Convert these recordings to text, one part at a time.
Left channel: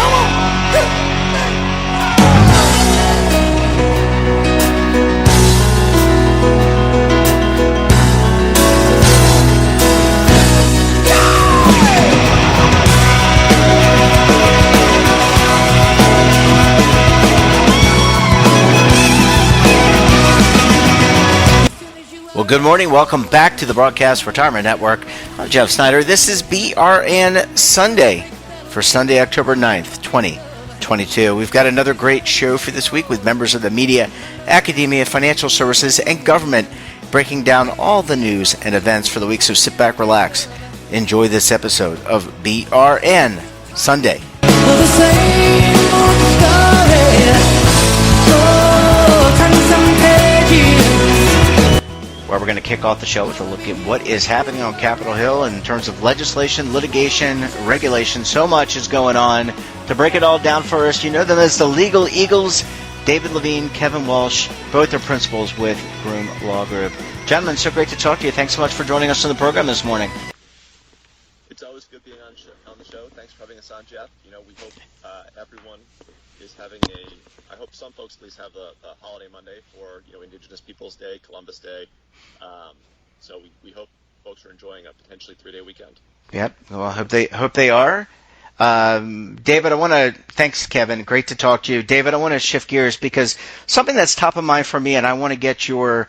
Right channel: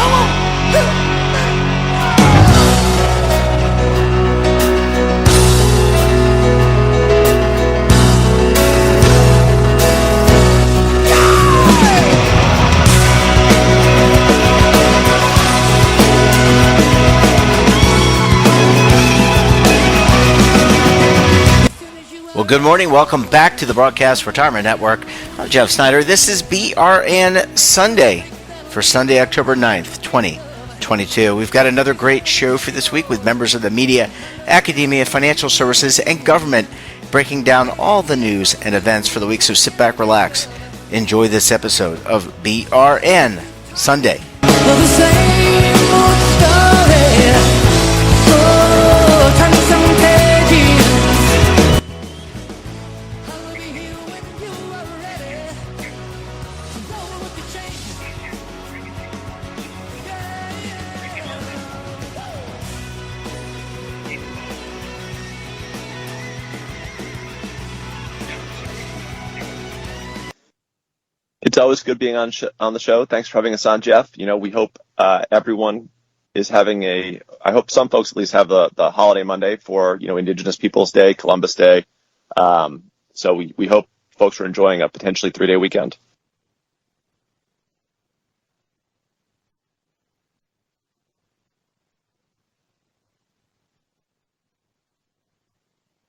Come on. Well, good morning. Welcome back to the Broadcast Retirement Network. I'm Jeff Snyder. This is BRN Sunday for Sunday, October 9th, 2022. We've got another great show for this week with members of the media, academia, financial services, and government breaking down all the news and events for the week. So sit back, relax, enjoy this episode of BRN Sunday. Well, the same old story. Oh, turn some pages. Where we're going to kick off the show with a look at what is happening on Capitol Hill in terms of legislation, litigation, regulation. So much is going on. To break it all down for us, you know them as the Legal Eagles, David Levine, Kevin Walsh. Both are principals with Groom Law Group. Gentlemen, so great to talk to you. Thanks so much for joining us on the program this morning. It's always good being on the show. Thanks for having us on, Jeff. You know, we hope everyone is having I hope some folks at least have the holiday Monday for, Indigenous Peoples Day, Columbus Day. So we hope folks are enjoying a potentially 3-day weekend. Yep. Well, I hope they are. David, thanks, Kevin. Great to talk to you. David, I want to shift gears because something that's top of mind for me, and I want to get yours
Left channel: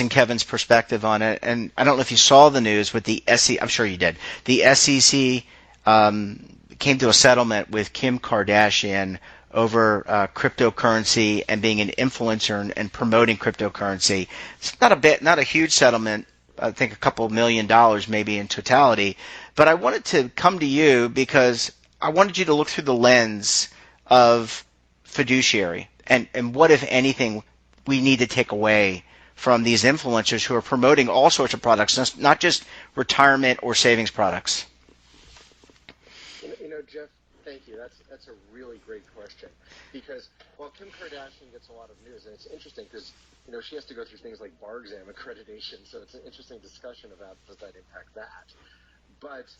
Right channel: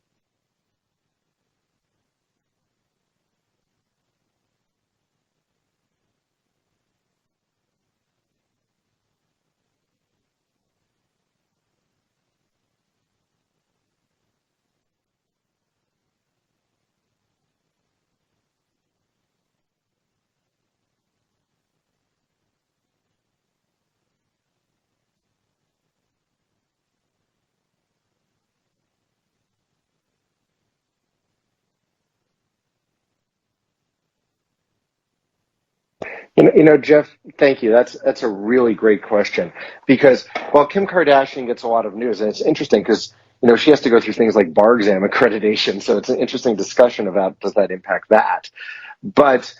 and Kevin's perspective on it. And I don't know if you saw the news with the SEC. I'm sure you did. The SEC came to a settlement with Kim Kardashian over cryptocurrency and being an influencer and promoting cryptocurrency. It's not a huge settlement. I think a couple $1 million maybe in totality. But I wanted to come to you because I wanted you to look through the lens of fiduciary and what, if anything, we need to take away from these influencers who are promoting all sorts of products, not just retirement or savings products. Jeff, thank you. That's a really great question because while Kim Kardashian gets a lot of news, and it's interesting because, she has to go through things like bar exam accreditation. So it's an interesting discussion about does that impact that. But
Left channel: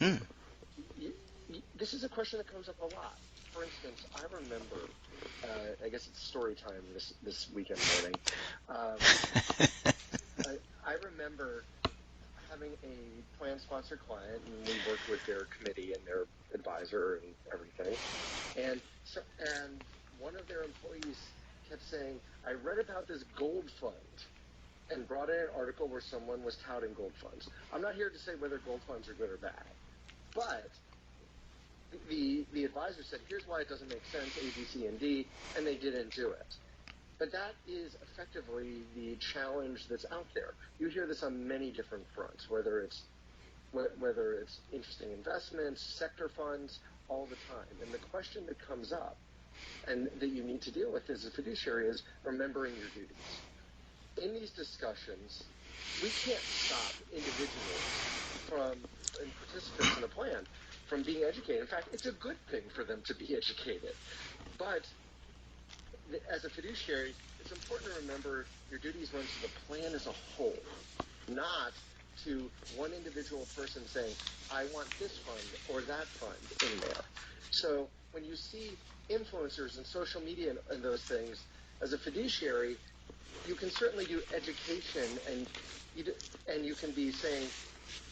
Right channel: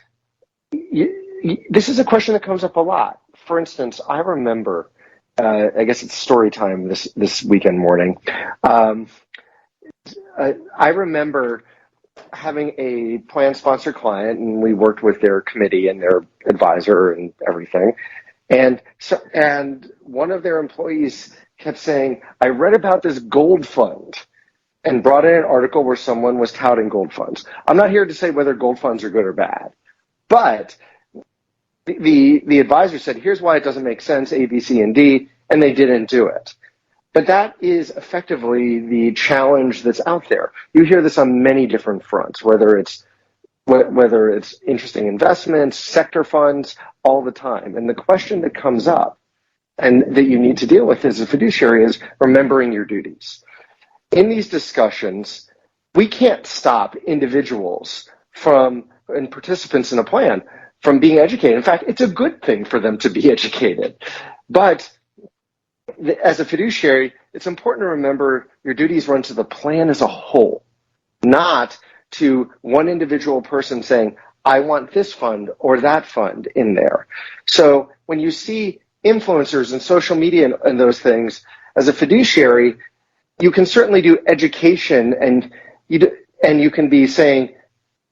this is a question that comes up a lot. For instance, I remember, I guess it's story time this weekend morning. I remember having a plan sponsor client, and we worked with their committee and their advisor and everything. And one of their employees kept saying, I read about this gold fund, and brought in an article where someone was touting gold funds. I'm not here to say whether gold funds are good or bad, but the advisor said, here's why it doesn't make sense, A, B, C, and D, and they didn't do it. But that is effectively the challenge that's out there. You hear this on many different fronts, whether it's interesting investments, sector funds, all the time. And the question that comes up and that you need to deal with as a fiduciary is remembering your duties. In these discussions, we can't stop individuals and participants in a plan from being educated. In fact, it's a good thing for them to be educated. But as a fiduciary, it's important to remember your duties run to the plan as a whole, not to one individual person saying, I want this fund or that fund in there. So when you see influencers and social media and those things, as a fiduciary, you can certainly do education and you can be saying,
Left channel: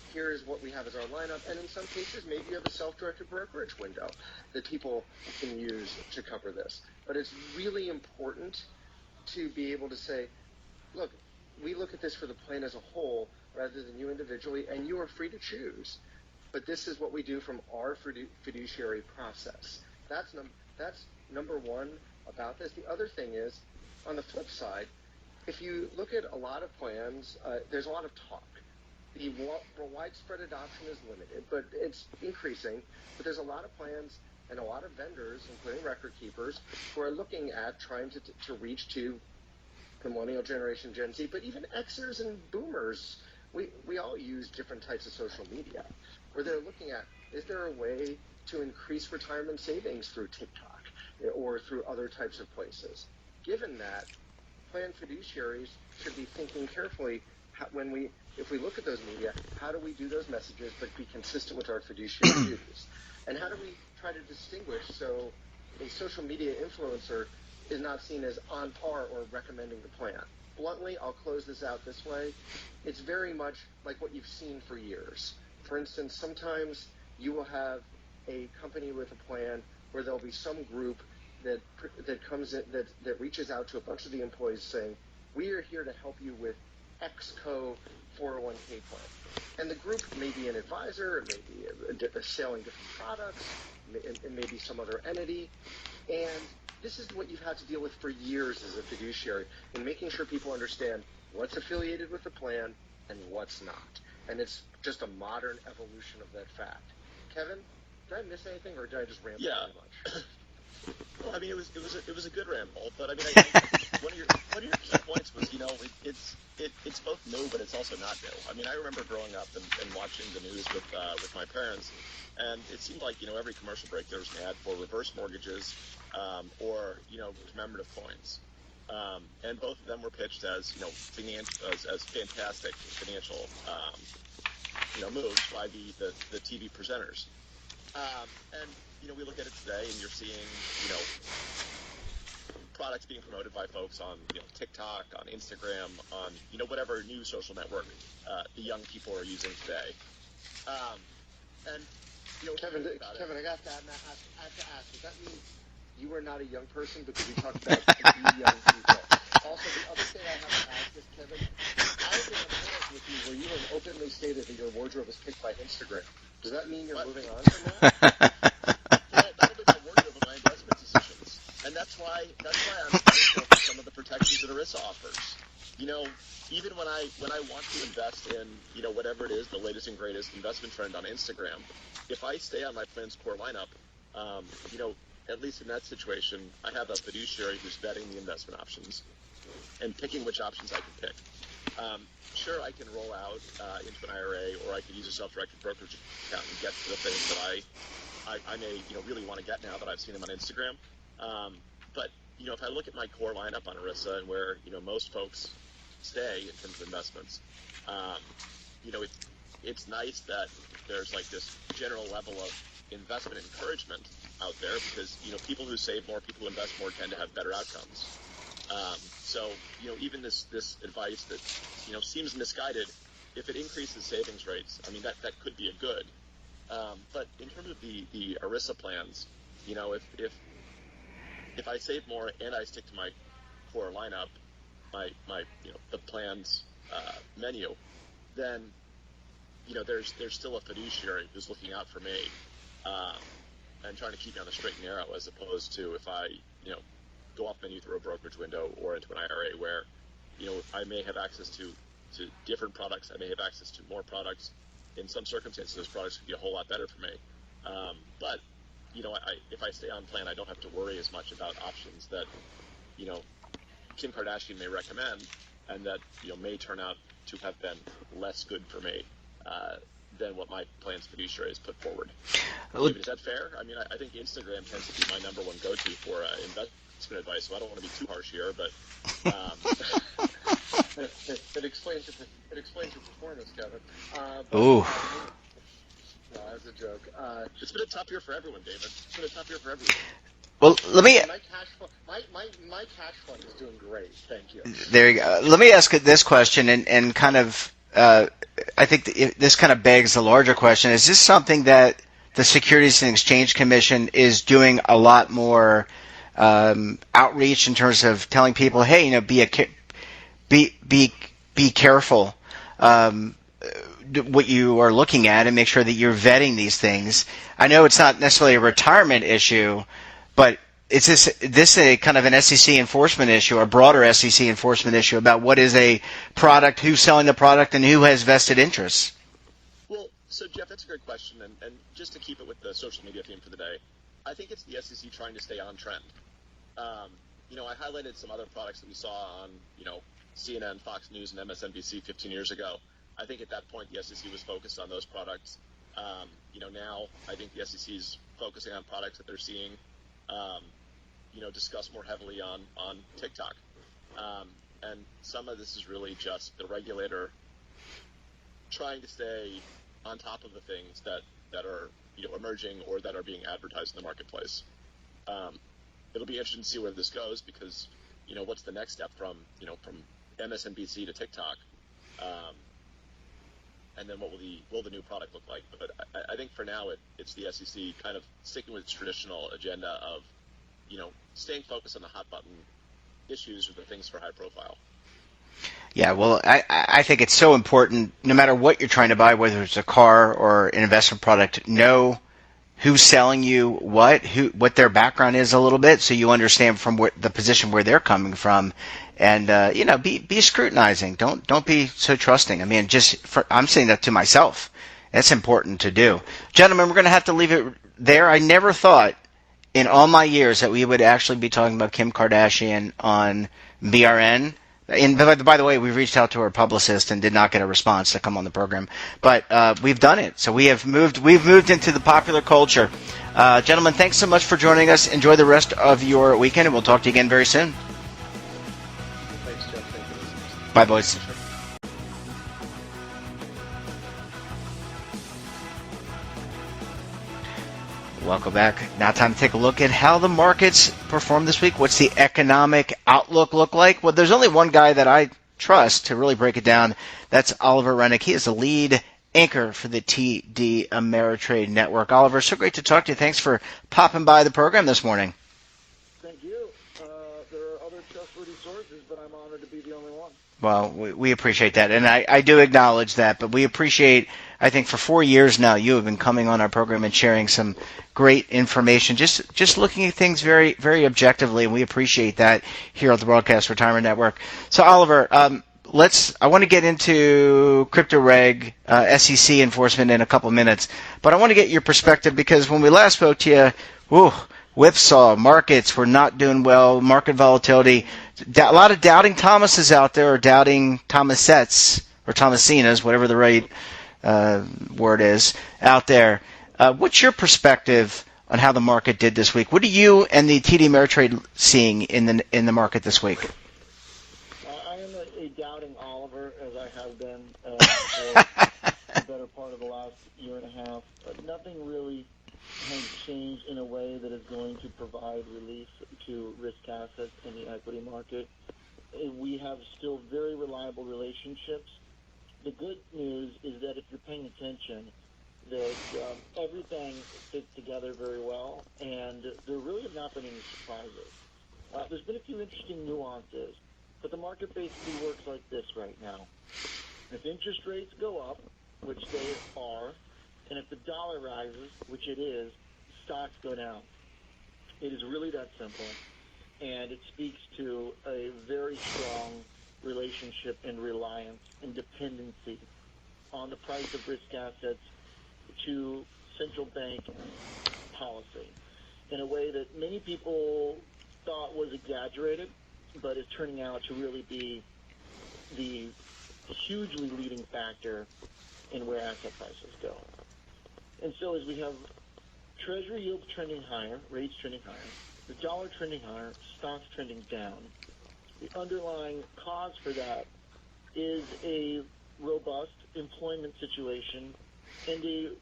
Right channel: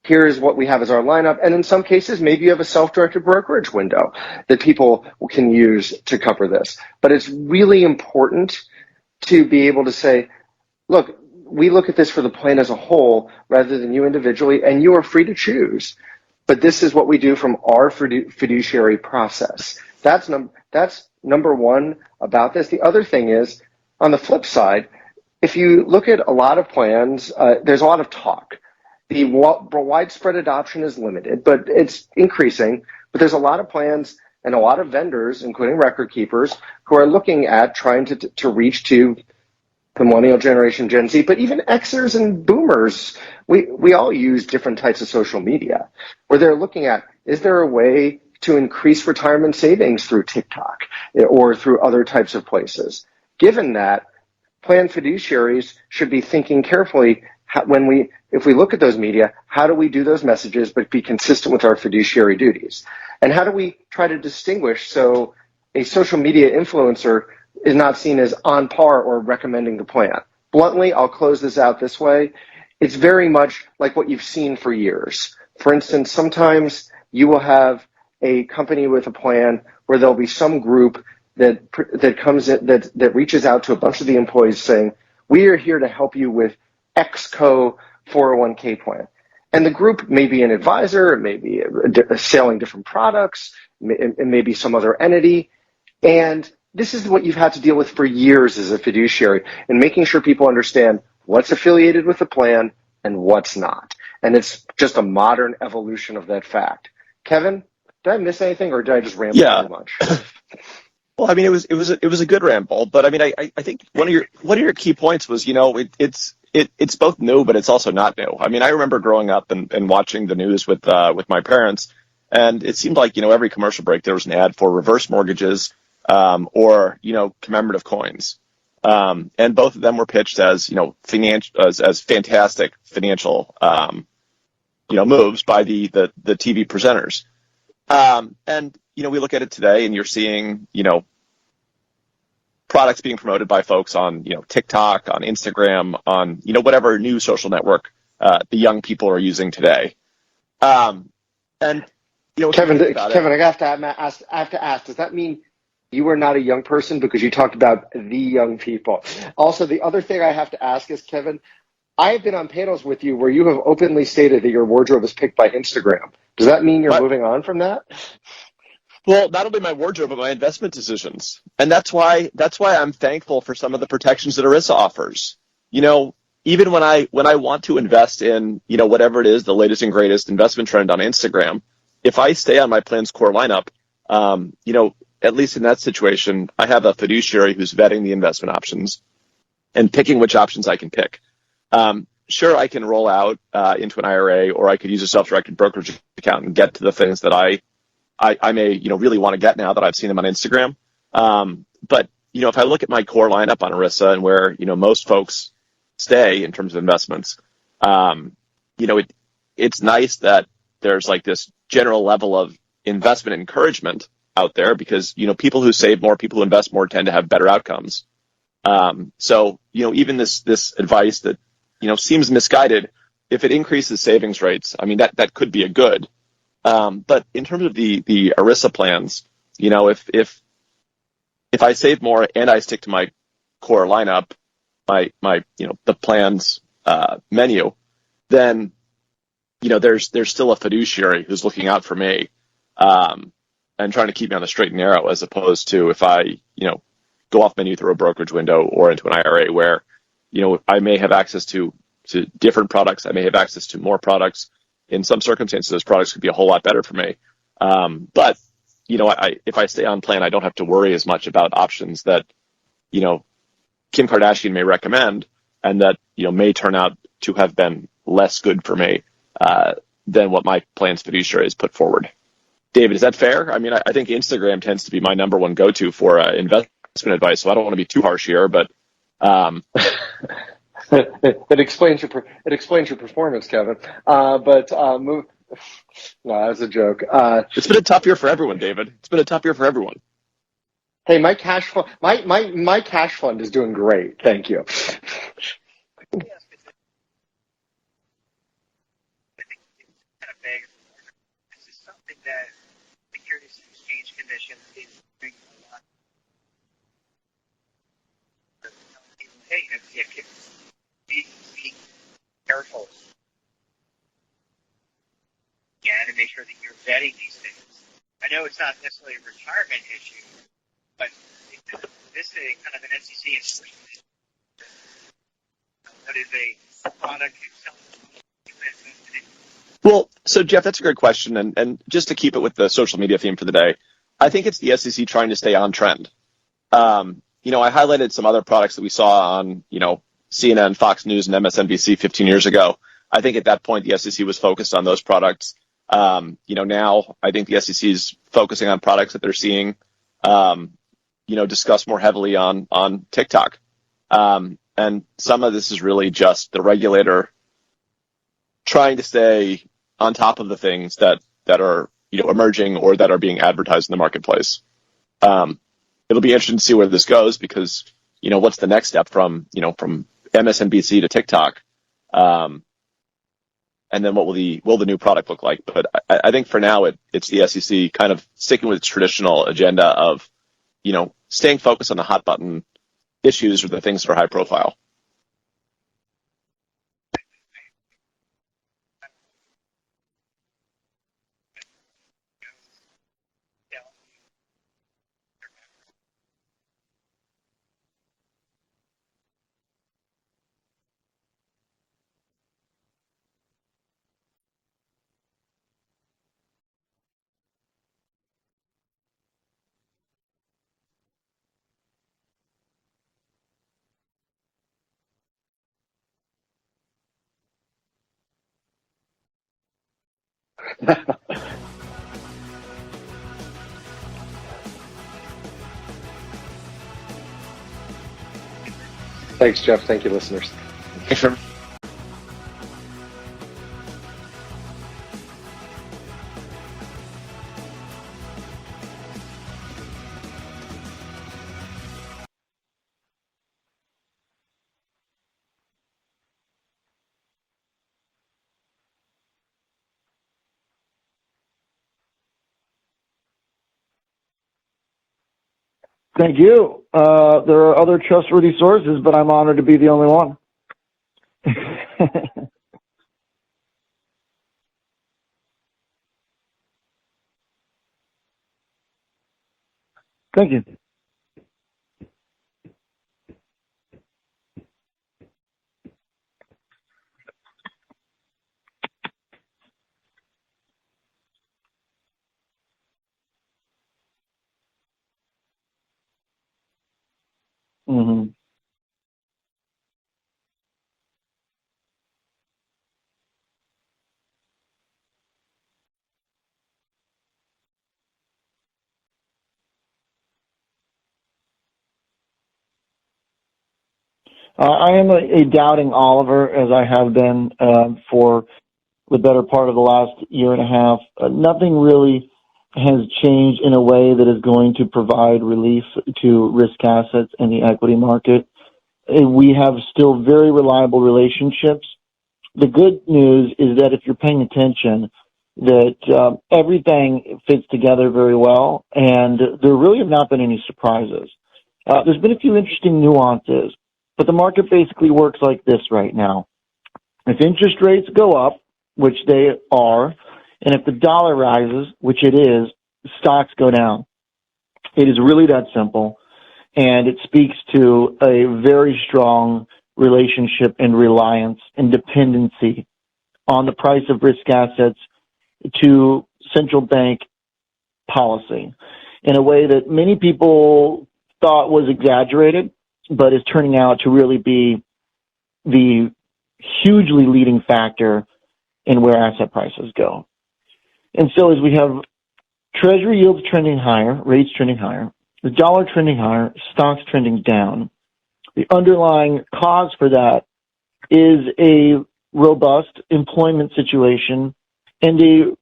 here's what we have as our lineup. And in some cases, maybe you have a self-directed brokerage window that people can use to cover this. But it's really important to be able to say, look, we look at this for the plan as a whole rather than you individually, and you are free to choose. But this is what we do from our fiduciary process. That's number one about this. The other thing is, on the flip side, if you look at a lot of plans, there's a lot of talk. The widespread adoption is limited, but it's increasing. But there's a lot of plans and a lot of vendors, including record keepers, who are looking at trying to reach to the millennial generation, Gen Z, but even Xers and boomers. We all use different types of social media where they're looking at, is there a way to increase retirement savings through TikTok or through other types of places? Given that, plan fiduciaries should be thinking carefully if we look at those media, how do we do those messages but be consistent with our fiduciary duties? And how do we try to distinguish so a social media influencer is not seen as on par or recommending the plan. Bluntly, I'll close this out this way. It's very much like what you've seen for years. For instance, sometimes you will have a company with a plan where there'll be some group that comes in, that reaches out to a bunch of the employees saying, we are here to help you with XCO 401k plan. And the group may be an advisor, it may be selling different products, it may be some other entity. And this is what you've had to deal with for years as a fiduciary, and making sure people understand what's affiliated with the plan and what's not. And it's just a modern evolution of that fact. Kevin, did I miss anything, or did I just ramble too much? Well, I mean, it was a good ramble, but I mean, I think one of your key points was, it's both new, but it's also not new. I mean, I remember growing up and watching the news with my parents, and it seemed like every commercial break there was an ad for reverse mortgages or commemorative coins, and both of them were pitched as as fantastic financial moves by the TV presenters, and we look at it today, and you're seeing, products being promoted by folks on, TikTok, on Instagram, on, whatever new social network the young people are using today. And, Kevin, I have to ask, does that mean you are not a young person because you talked about the young people? Also, the other thing I have to ask is, Kevin, I have been on panels with you where you have openly stated that your wardrobe is picked by Instagram. Does that mean you're moving on from that? Well, not only my wardrobe, but my investment decisions. And that's why I'm thankful for some of the protections that ERISA offers. Even when I want to invest in, whatever it is, the latest and greatest investment trend on Instagram, if I stay on my plan's core lineup, at least in that situation, I have a fiduciary who's vetting the investment options and picking which options I can pick. Sure, I can roll out into an IRA, or I could use a self-directed brokerage account and get to the things that I may really want to get now that I've seen them on Instagram. But if I look at my core lineup on ERISA and where most folks stay in terms of investments, it's nice that there's like this general level of investment encouragement out there, because people who save more, people who invest more, tend to have better outcomes. So even this advice that seems misguided, if it increases savings rates, I mean that could be a good. But in terms of the ERISA plans, if I save more and I stick to my core lineup, the plans menu, then there's still a fiduciary who's looking out for me and trying to keep me on the straight and narrow, as opposed to if I go off menu through a brokerage window or into an IRA where I may have access to different products, I may have access to more products. In some circumstances, those products could be a whole lot better for me. But if I stay on plan, I don't have to worry as much about options that Kim Kardashian may recommend, and that may turn out to have been less good for me than what my plan's fiduciary has put forward. David, is that fair? I mean, I think Instagram tends to be my number one go-to for investment advice, so I don't want to be too harsh here, but it explains your performance, Kevin. No, that's a joke. It's been a tough year for everyone, David. It's been a tough year for everyone. Well, let me. Hey, my cash fund, my cash fund is doing great. Thank you. There you go. Let me ask this question, and kind of, I think this kind of begs the larger question: is this something that the Securities and Exchange Commission is doing a lot more outreach in terms of telling people, hey, be careful what you are looking at, and make sure that you're vetting these things. I know it's not necessarily a retirement issue, but is this a kind of an SEC enforcement issue, a broader SEC enforcement issue about what is a product, who's selling the product, and who has vested interests? Well, so Jeff, that's a great question, and just to keep it with the social media theme for the day, I think it's the SEC trying to stay on trend. I highlighted some other products that we saw on, CNN, Fox News, and MSNBC 15 years ago. I think at that point the SEC was focused on those products. Now I think the SEC is focusing on products that they're seeing, discussed more heavily on TikTok. And some of this is really just the regulator trying to stay on top of the things that are emerging or that are being advertised in the marketplace. it'll be interesting to see where this goes because, what's the next step from MSNBC to TikTok? And then what will the new product look like? But I think for now it's the SEC kind of sticking with its traditional agenda of, staying focused on the hot button issues or the things that are high profile. Yeah, well, I think it's so important, no matter what you're trying to buy, whether it's a car or an investment product, know who's selling you what their background is a little bit, so you understand from the position where they're coming from, and be scrutinizing. Don't be so trusting. I mean, I'm saying that to myself. That's important to do, gentlemen. We're going to have to leave it there. I never thought in all my years that we would actually be talking about Kim Kardashian on BRN. And by the way, we reached out to her publicist and did not get a response to come on the program. But we've done it. So we've moved into the popular culture. Gentlemen, thanks so much for joining us. Enjoy the rest of your weekend, and we'll talk to you again very soon. Thanks, Jeff. Thank you, listeners. Bye, boys. Thanks, Trevor. Welcome back. Now time to take a look at how the markets performed this week. What's the economic outlook look like? Well, there's only one guy that I trust to really break it down. That's Oliver Renick. He is the lead anchor for the TD Ameritrade Network. Oliver, so great to talk to you. Thanks for popping by the program this morning. Thank you. There are other trustworthy sources, but I'm honored to be the only one. Well, we appreciate that, and I do acknowledge that, but we appreciate, I think for 4 years now, you have been coming on our program and sharing some great information, just looking at things very, very objectively, and we appreciate that here at the Broadcast Retirement Network. So, Oliver, I want to get into crypto reg, SEC enforcement in a couple minutes, but I want to get your perspective because when we last spoke to you, whipsaw, markets were not doing well, market volatility, a lot of doubting Thomases out there, or doubting Thomasettes, or Thomasinas, whatever the right word is, out there. What's your perspective on how the market did this week? What are you and the TD Ameritrade seeing in the market this week? I am a doubting Oliver, as I have been for the better part of the last year and a half. Nothing really has changed in a way that is going to provide relief to risk assets in the equity market. We have still very reliable relationships. The good news is that if you're paying attention, that everything fits together very well, and there really have not been any surprises. There's been a few interesting nuances, but the market basically works like this right now. If interest rates go up, which they are, and if the dollar rises, which it is, stocks go down. It is really that simple, and it speaks to a very strong relationship and reliance and dependency on the price of risk assets to central bank policy in a way that many people thought was exaggerated, but is turning out to really be the hugely leading factor in where asset prices go. And so as we have Treasury yields trending higher, rates trending higher, the dollar trending higher, stocks trending down, the underlying cause for that is a robust employment situation and a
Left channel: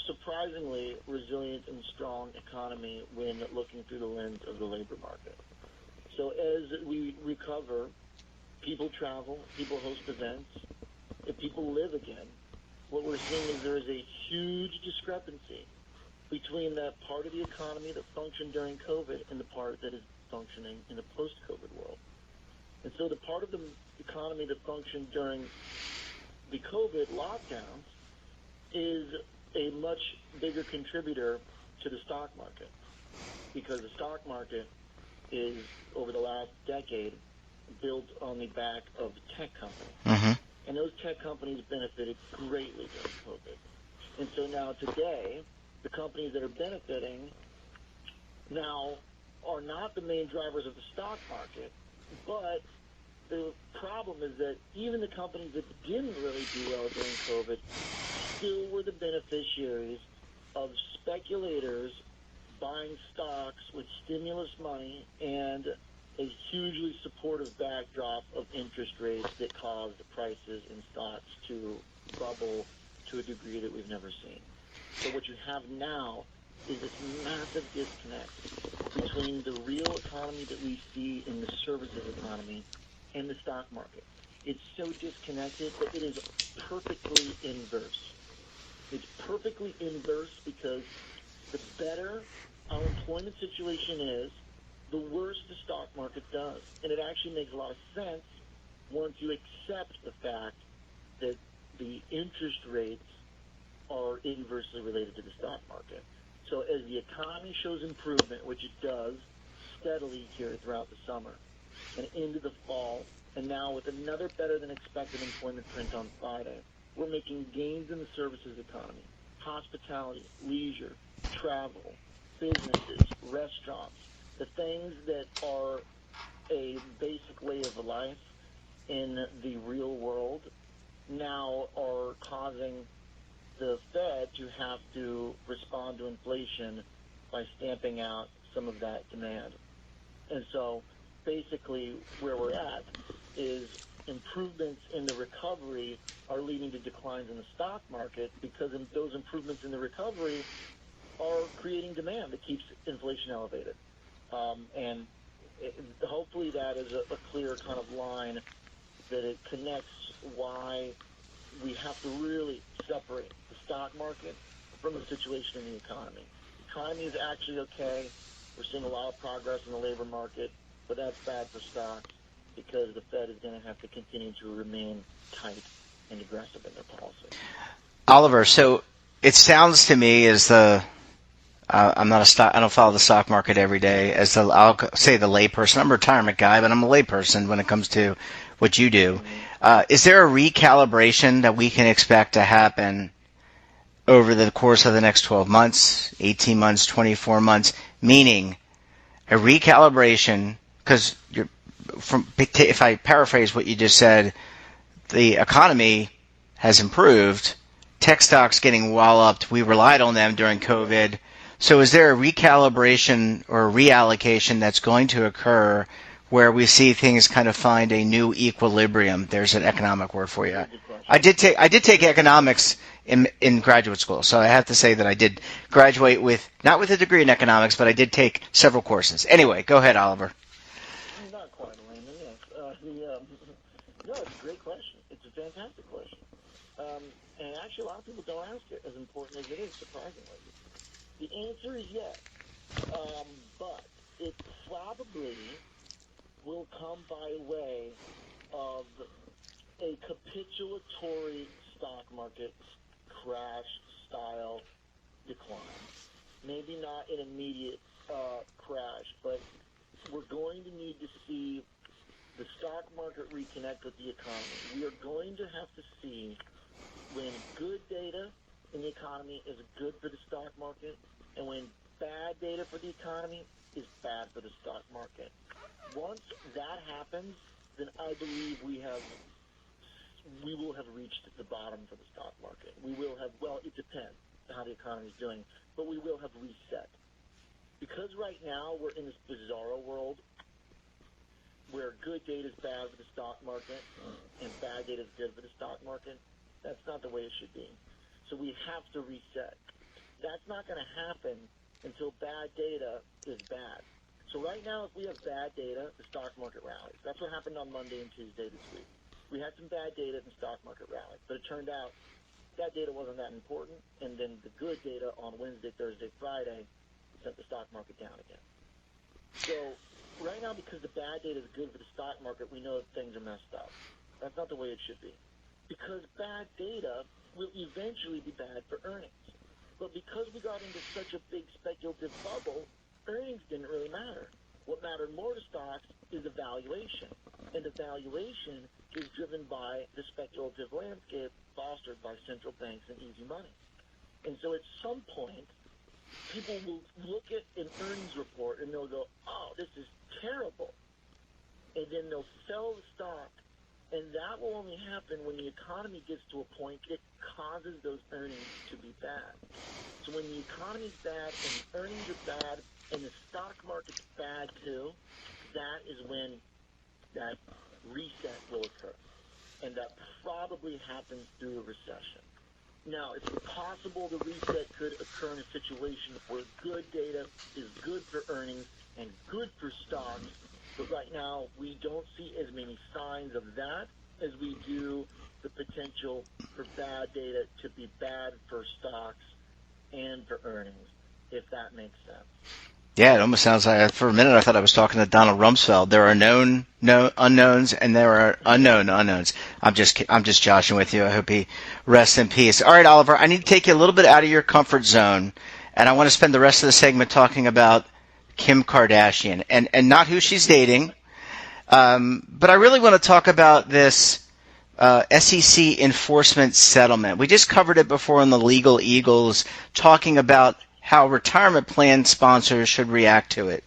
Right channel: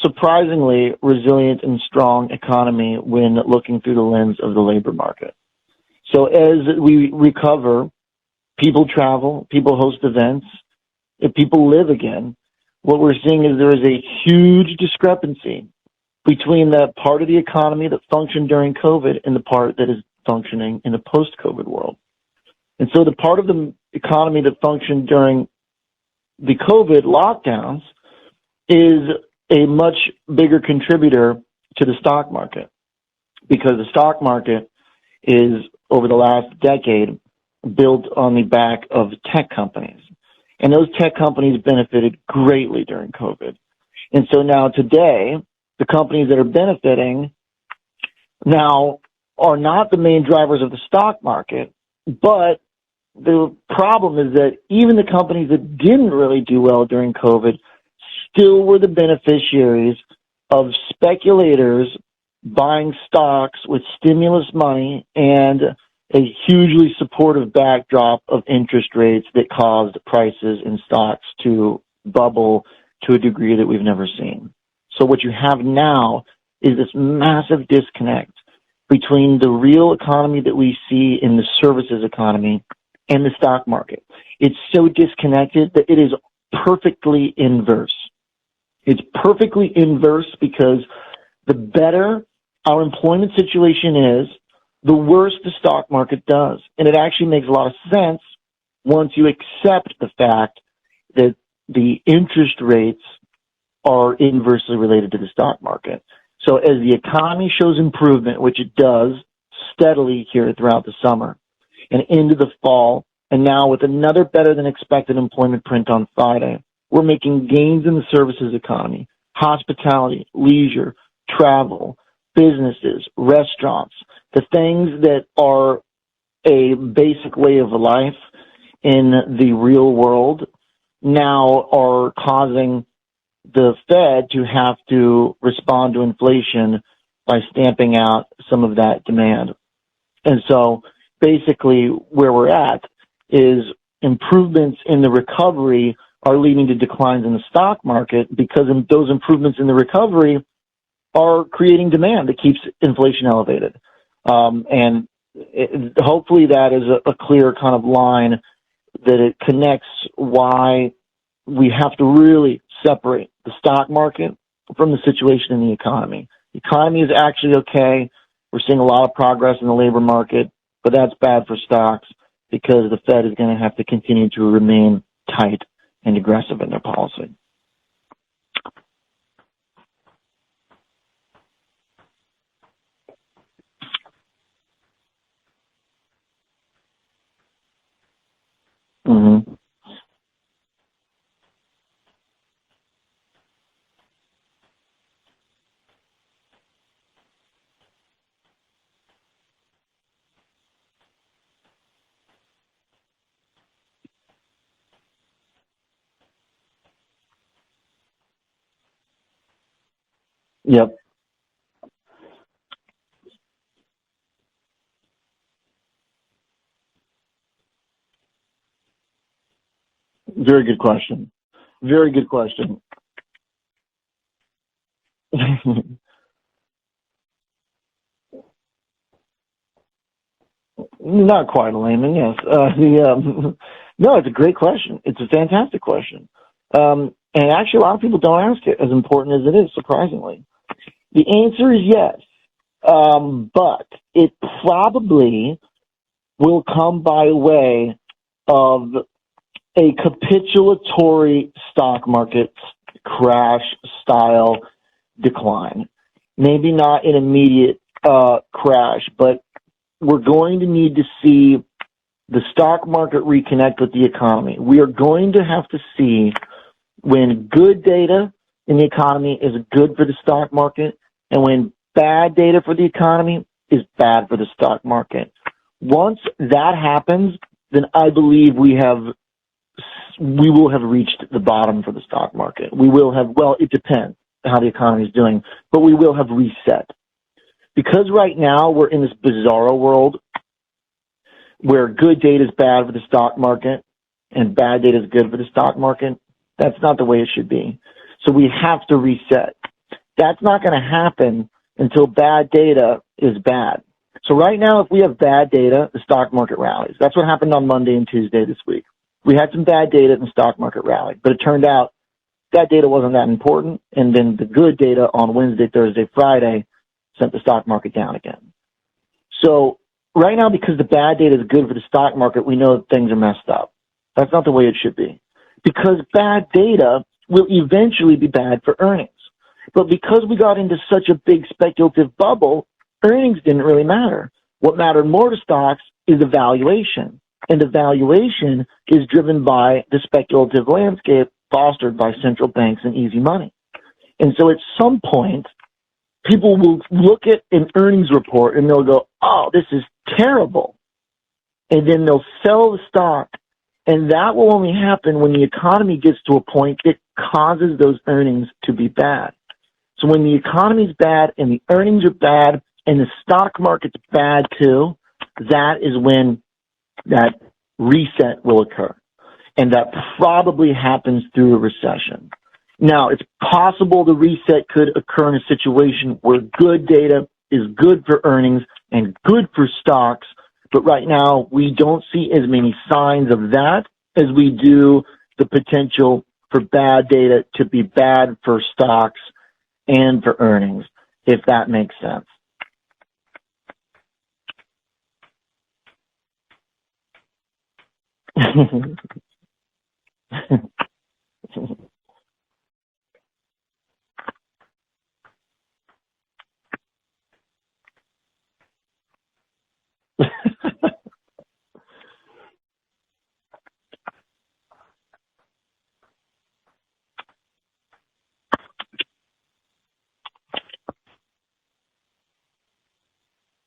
surprisingly resilient and strong economy when looking through the lens of the labor market. So as we recover, people travel, people host events, if people live again, what we're seeing is there is a huge discrepancy between that part of the economy that functioned during COVID and the part that is functioning in the post-COVID world. And so the part of the economy that functioned during the COVID lockdowns is a much bigger contributor to the stock market, because the stock market is, over the last decade, built on the back of tech companies. And those tech companies benefited greatly during COVID. And so now today, the companies that are benefiting now are not the main drivers of the stock market, but the problem is that even the companies that didn't really do well during COVID still were the beneficiaries of speculators buying stocks with stimulus money and a hugely supportive backdrop of interest rates that caused prices in stocks to bubble to a degree that we've never seen. So what you have now is this massive disconnect between the real economy that we see in the services economy and the stock market. It's so disconnected that it is perfectly inverse. It's perfectly inverse because the better our employment situation is, the worse the stock market does. And it actually makes a lot of sense once you accept the fact that the interest rates are inversely related to the stock market. So as the economy shows improvement, which it does steadily here throughout the summer and into the fall, and now with another better than expected employment print on Friday, we're making gains in the services economy, hospitality, leisure, travel, businesses, restaurants, the things that are a basic way of life in the real world now are causing the Fed to have to respond to inflation by stamping out some of that demand. And so basically where we're at is improvements in the recovery are leading to declines in the stock market because those improvements in the recovery are creating demand that keeps inflation elevated. Hopefully that is a clear kind of line that it connects why we have to really separate the stock market from the situation in the economy. The economy is actually okay. We're seeing a lot of progress in the labor market, but that's bad for stocks because the Fed is going to have to continue to remain tight and aggressive in their policy. Oliver, so it sounds to me as I don't follow the stock market every day. I'll say the layperson. I'm a retirement guy, but I'm a layperson when it comes to what you do. Mm-hmm. Is there a recalibration that we can expect to happen over the course of the next 12 months, 18 months, 24 months? Meaning a recalibration, because if I paraphrase what you just said, the economy has improved. Tech stocks getting walloped. We relied on them during COVID. Yep. So is there a recalibration or a reallocation that's going to occur where we see things kind of find a new equilibrium? There's an economic word for you. Very good question. I did take economics in graduate school, so I have to say that I did graduate not with a degree in economics, but I did take several courses. Anyway, go ahead, Oliver. Not quite a layman, yes. No, it's a great question. It's a fantastic question. And actually, a lot of people don't ask it, as important as it is, surprisingly. The answer is yes, but it probably will come by way of a capitulatory stock market crash-style decline. Maybe not an immediate crash, but we're going to need to see the stock market reconnect with the economy. We are going to have to see when good data in the economy is good for the stock market and when bad data for the economy is bad for the stock market. Once that happens, then I believe we will have reached the bottom for the stock market. We will have, well, it depends how the economy is doing, but we will have reset. Because right now we're in this bizarro world where good data is bad for the stock market and bad data is good for the stock market, that's not the way it should be. So we have to reset. That's not going to happen until bad data is bad. So right now, if we have bad data, the stock market rallies. That's what happened on Monday and Tuesday this week. We had some bad data and the stock market rallied, but it turned out that data wasn't that important, and then the good data on Wednesday, Thursday, Friday sent the stock market down again. So right now, because the bad data is good for the stock market, we know that things are messed up. That's not the way it should be. Because bad data will eventually be bad for earnings. But because we got into such a big speculative bubble, earnings didn't really matter. What mattered more to stocks is the valuation. And the valuation is driven by the speculative landscape fostered by central banks and easy money. And so at some point, people will look at an earnings report and they'll go, oh, this is terrible. And then they'll sell the stock. And that will only happen when the economy gets to a point that causes those earnings to be bad. So when the economy's bad and the earnings are bad and the stock market's bad too, that is when that reset will occur. And that probably happens through a recession. Now, it's possible the reset could occur in a situation where good data is good for earnings and good for stocks. But right now, we don't see as many signs of that as we do the potential for bad data to be bad for stocks and for earnings, if that makes sense. Yeah, it almost sounds like, for a minute I thought I was talking to Donald Rumsfeld. There are known unknowns and there are unknown unknowns. I'm just joshing with you. I hope he rests in peace. All right, Oliver, I need to take you a little bit out of your comfort zone, and I want to spend the rest of the segment talking about Kim Kardashian and not who she's dating, but I really want to talk about this SEC enforcement settlement. We just covered it before on the Legal Eagles, talking about how retirement plan sponsors should react to it.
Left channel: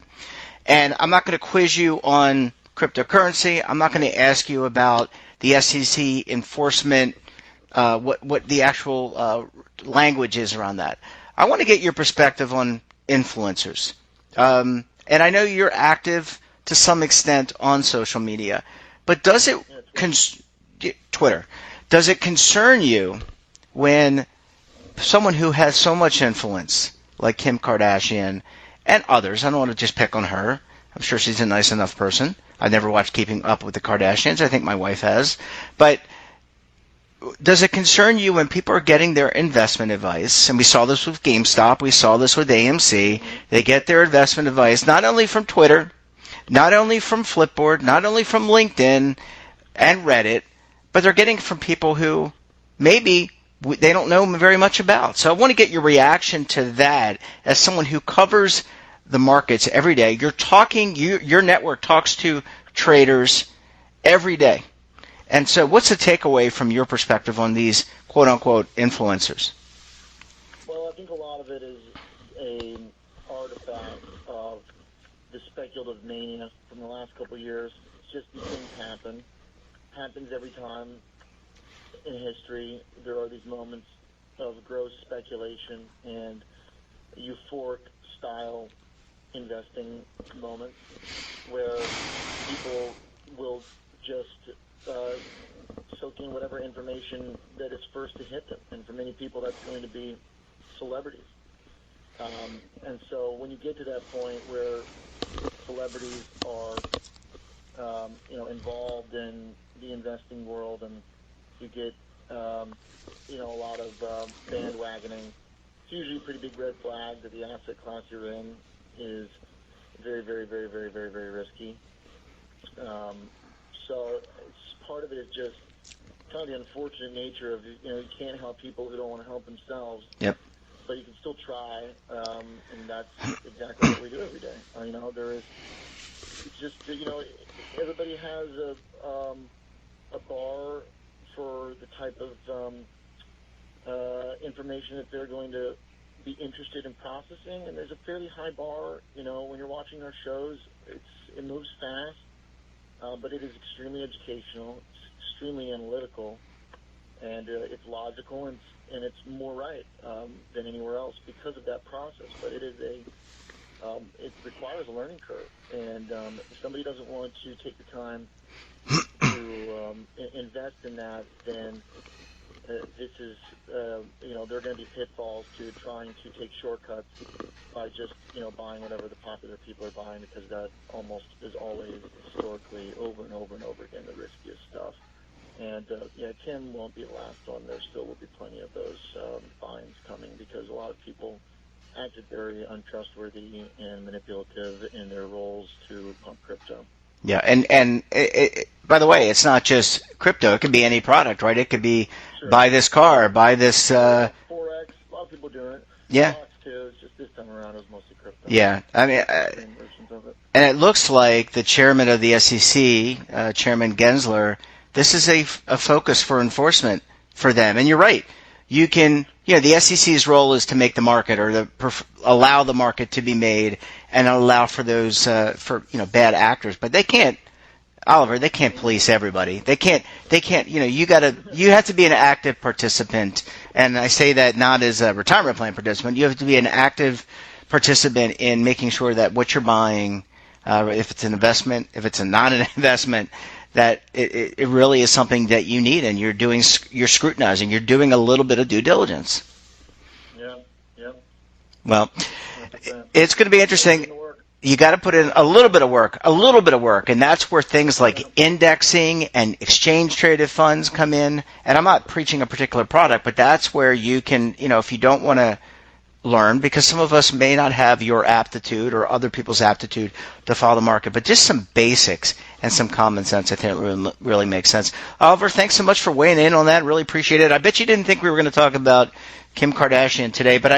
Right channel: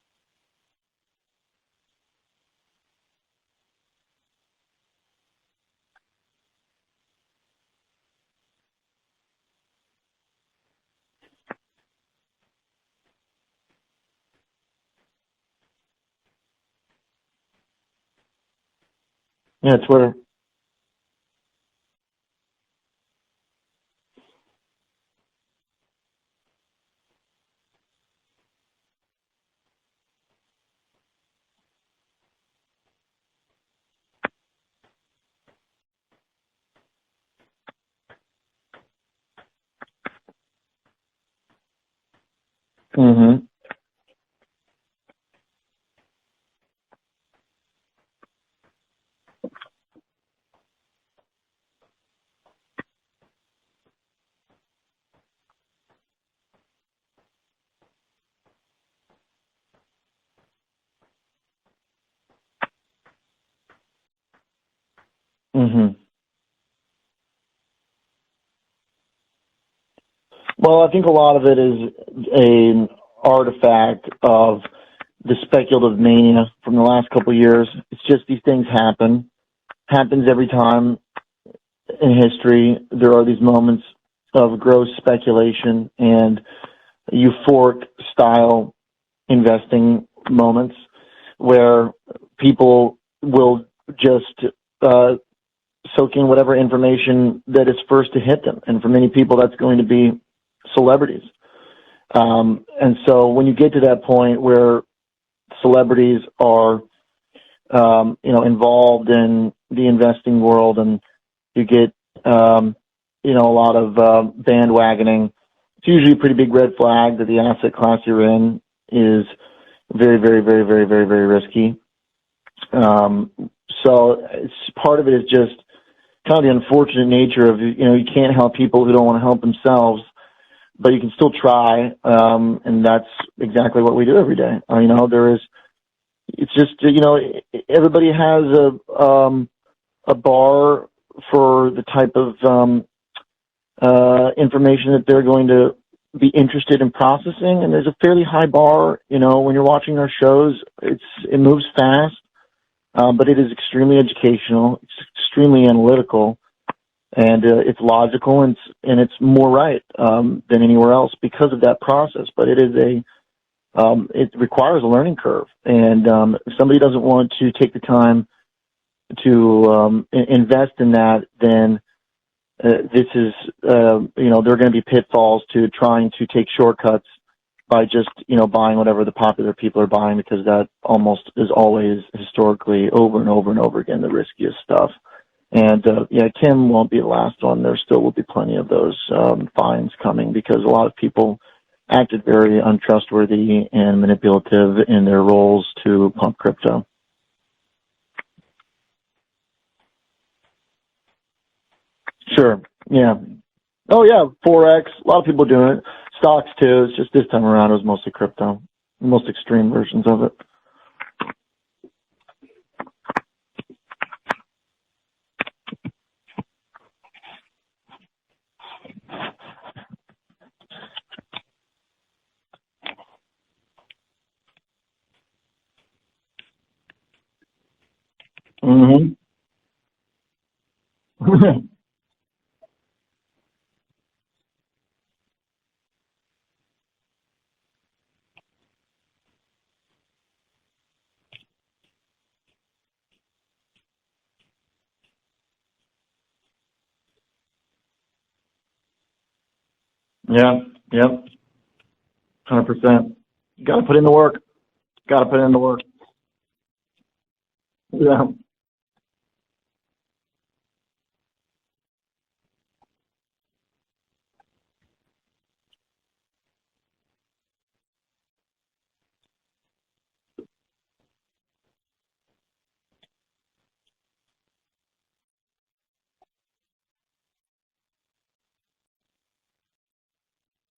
And I'm not going to quiz you on cryptocurrency. I'm not going to ask you about the SEC enforcement, what the actual language is around that. I want to get your perspective on influencers. And I know you're active to some extent on social media, but does it Twitter. Does it concern you when someone who has so much influence, like Kim Kardashian and others, I don't want to just pick on her, I'm sure she's a nice enough person. I've never watched Keeping Up with the Kardashians. I think my wife has. But does it concern you when people are getting their investment advice? And we saw this with GameStop. We saw this with AMC. Mm-hmm. They get their investment advice not only from Twitter, not only from Flipboard, not only from LinkedIn and Reddit, but they're getting from people who maybe they don't know very much about. So I want to get your reaction to that as someone who covers the markets every day. You're talking, your network talks to traders every day. And so what's the takeaway from your perspective on these quote-unquote influencers? Well, I think a lot of it is an artifact of the speculative mania from the last couple of years. It's just these things happens every time in history. There are these moments of gross speculation and euphoric style investing moments where people will just soak in whatever information that is first to hit them. And for many people, that's going to be celebrities. And so when you get to that point where celebrities are involved in the investing world, and you get, a lot of bandwagoning. It's usually a pretty big red flag that the asset class you're in is very, very, very, very, very, very risky. So part of it is just kind of the unfortunate nature of, you can't help people who don't want to help themselves. Yep. But you can still try, and that's exactly what we do every day. It's just, everybody has a bar for the type of information that they're going to be interested in processing, and there's a fairly high bar. When you're watching our shows, it moves fast, but it is extremely educational, it's extremely analytical, and it's logical, and it's more right than anywhere else because of that process. But it is it requires a learning curve, and if somebody doesn't want to take the time to invest in that, then this is, there are going to be pitfalls to trying to take shortcuts by just, buying whatever the popular people are buying, because that almost is always historically over and over and over again the riskiest stuff. And, Kim won't be the last one. There still will be plenty of those fines coming, because a lot of people acted very untrustworthy and manipulative in their roles to pump crypto. Yeah, and by the way, it's not just crypto. It could be any product, right? It could be buy this car, buy this. Forex. A lot of people doing it. Yeah. Stocks too. It's just this time around it was mostly crypto. Yeah, most extreme versions of it. And it looks like the chairman of the SEC, Chairman Gensler, this is a focus for enforcement for them. And you're right. You can, the SEC's role is to make the market, or allow the market to be made, and allow for those bad actors. But they can't. Oliver, they can't police everybody. They can't, you have to be an active participant. And I say that not as a retirement plan participant. You have to be an active participant in making sure that what you're buying, if it's an investment, if it's not an investment, that it really is something that you need, and you're scrutinizing, you're doing a little bit of due diligence. Yeah. Yep. Well, 100%. It's going to be interesting. Put in the work. You got to put in a little bit of work, and that's where things like indexing and exchange traded funds come in. And I'm not preaching a particular product, but that's where you can, if you don't want to learn, because some of us may not have your aptitude or other people's aptitude to follow the market, but just some basics and some common sense, I think really makes sense. Oliver, thanks so much for weighing in on that. Really appreciate it. I bet you didn't think we were going to talk about Kim Kardashian today, but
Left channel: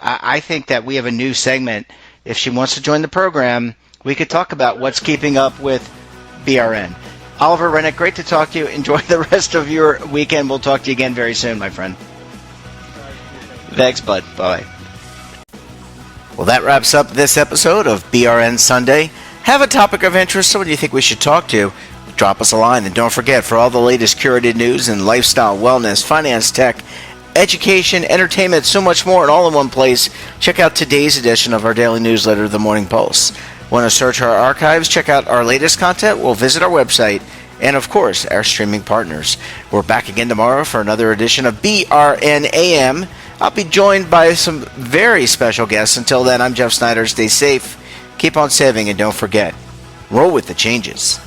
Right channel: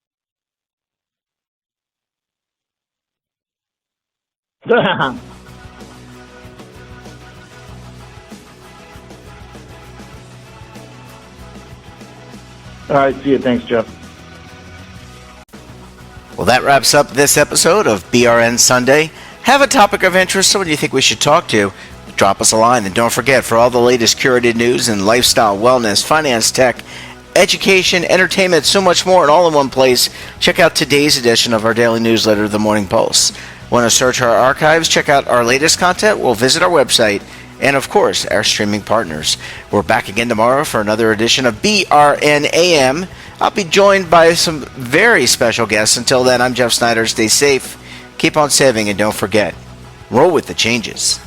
I think that we have a new segment. If she wants to join the program, we could talk about what's keeping up with BRN. Oliver, Renick, great to talk to you. Enjoy the rest of your weekend. We'll talk to you again very soon, my friend. All right, see you. Thanks, Joe. Thanks, bud. Bye. Well, that wraps up this episode of BRN Sunday. Have a topic of interest, someone you think we should talk to, drop us a line. And don't forget, for all the latest curated news in lifestyle, wellness, finance, tech, education, entertainment, so much more, and all in one place, check out today's edition of our daily newsletter, The Morning Pulse. Want to search our archives, check out our latest content? We'll visit our website, and of course, our streaming partners. We're back again tomorrow for another edition of BRN AM. I'll be joined by some very special guests. Until then, I'm Jeff Snyder. Stay safe, keep on saving, and don't forget, roll with the changes.